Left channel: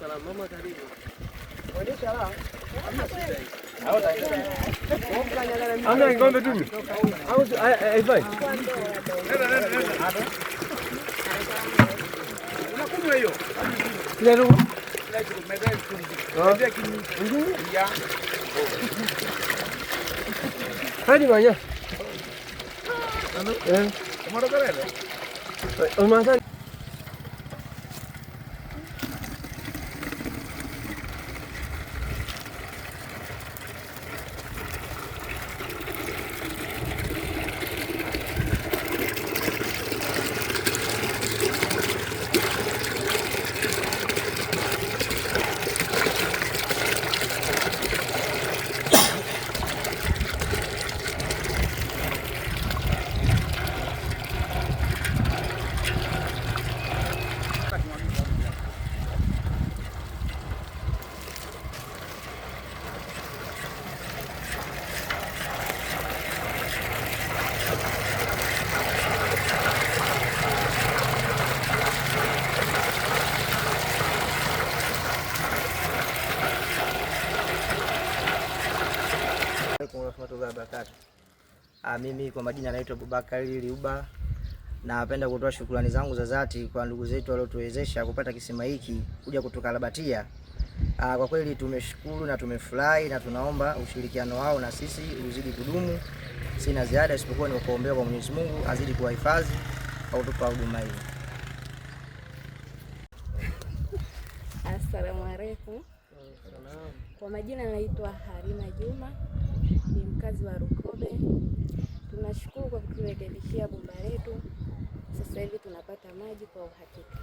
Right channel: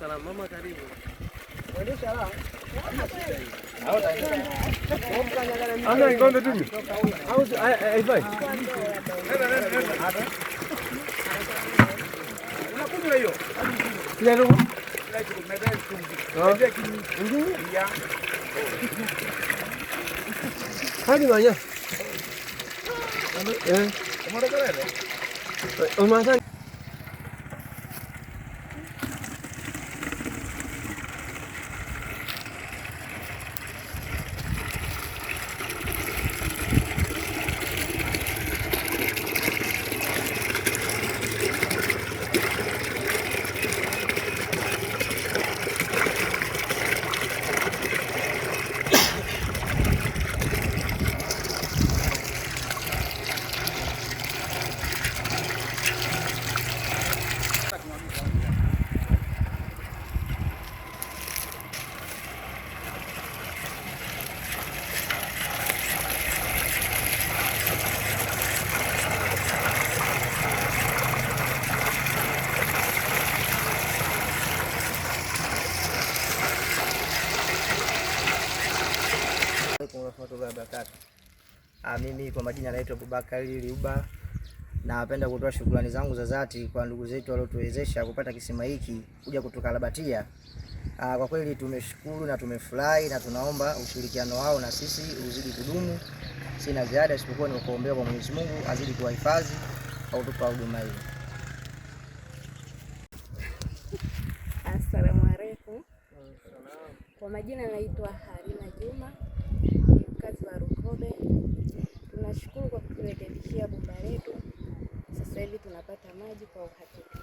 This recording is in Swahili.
Salamu mama, karibu. Ana ngombe tu. Au haifai. Unakunywa hiyo? Kile ndio. Hadi banya. Unaanza Mimi kwa majina naitwa Abubakari Liuba. Napenda kutoa shukrani zangu za dhati kwa ndugu zetu waliotuwezesha kupata kisima hiki kuja kutoka Labatia. Kwa kweli tumeshukuru na tumefurahi na tunaomba ushirikiano wao na sisi uzidi kudumu. Sina ziada isipokuwa ni kuombea kwa Mwenyezi Mungu azidi kuwahifadhi au kutupa huduma hii. Asalamu alaykum. Kwa majina naitwa Harina Juma, ni mkazi wa Rukobe. Tunashukuru kwa kuturekebishia bomba letu. Sasa hivi tunapata maji kwa uhakika.